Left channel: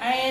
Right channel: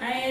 and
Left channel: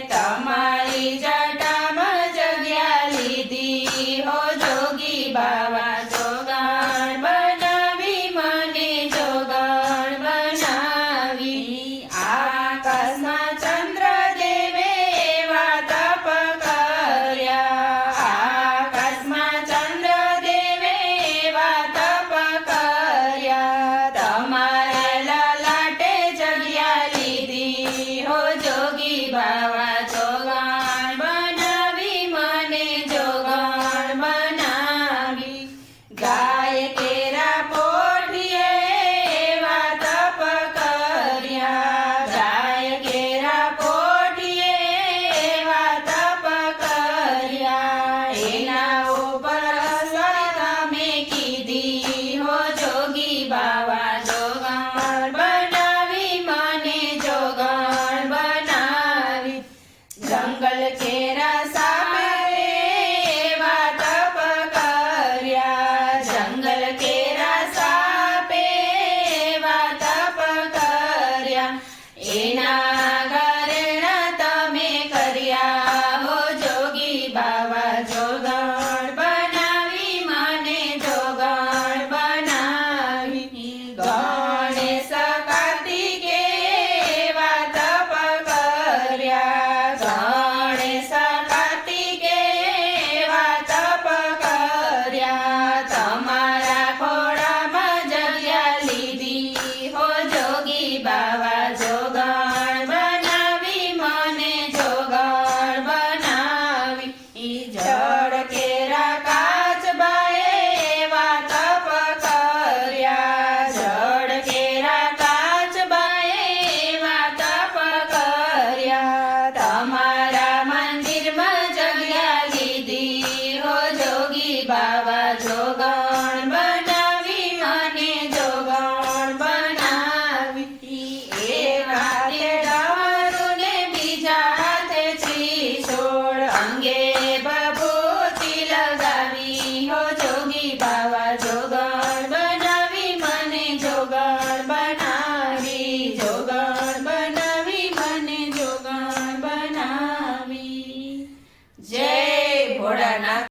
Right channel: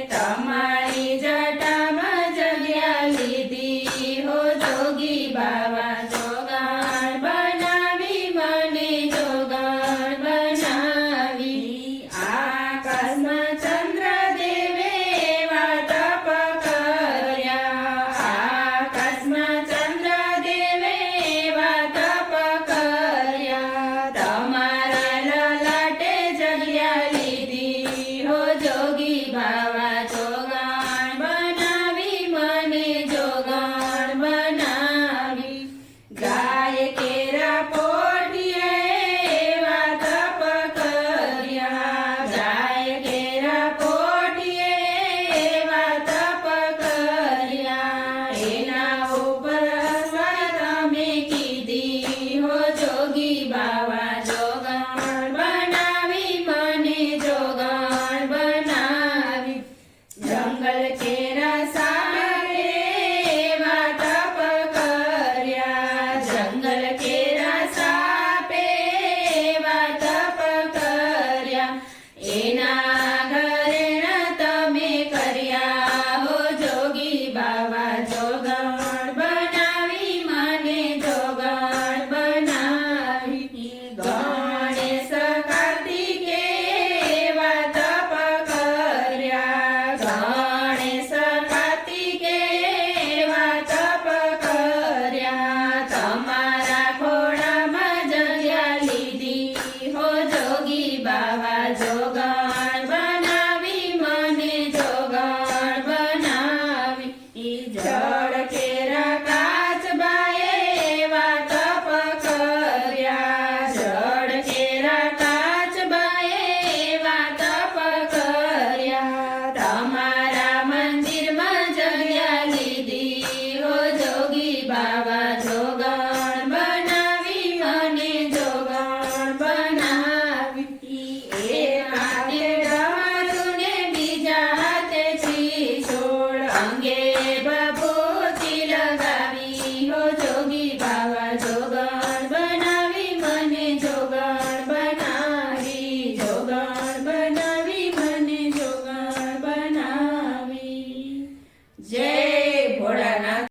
e Yeah.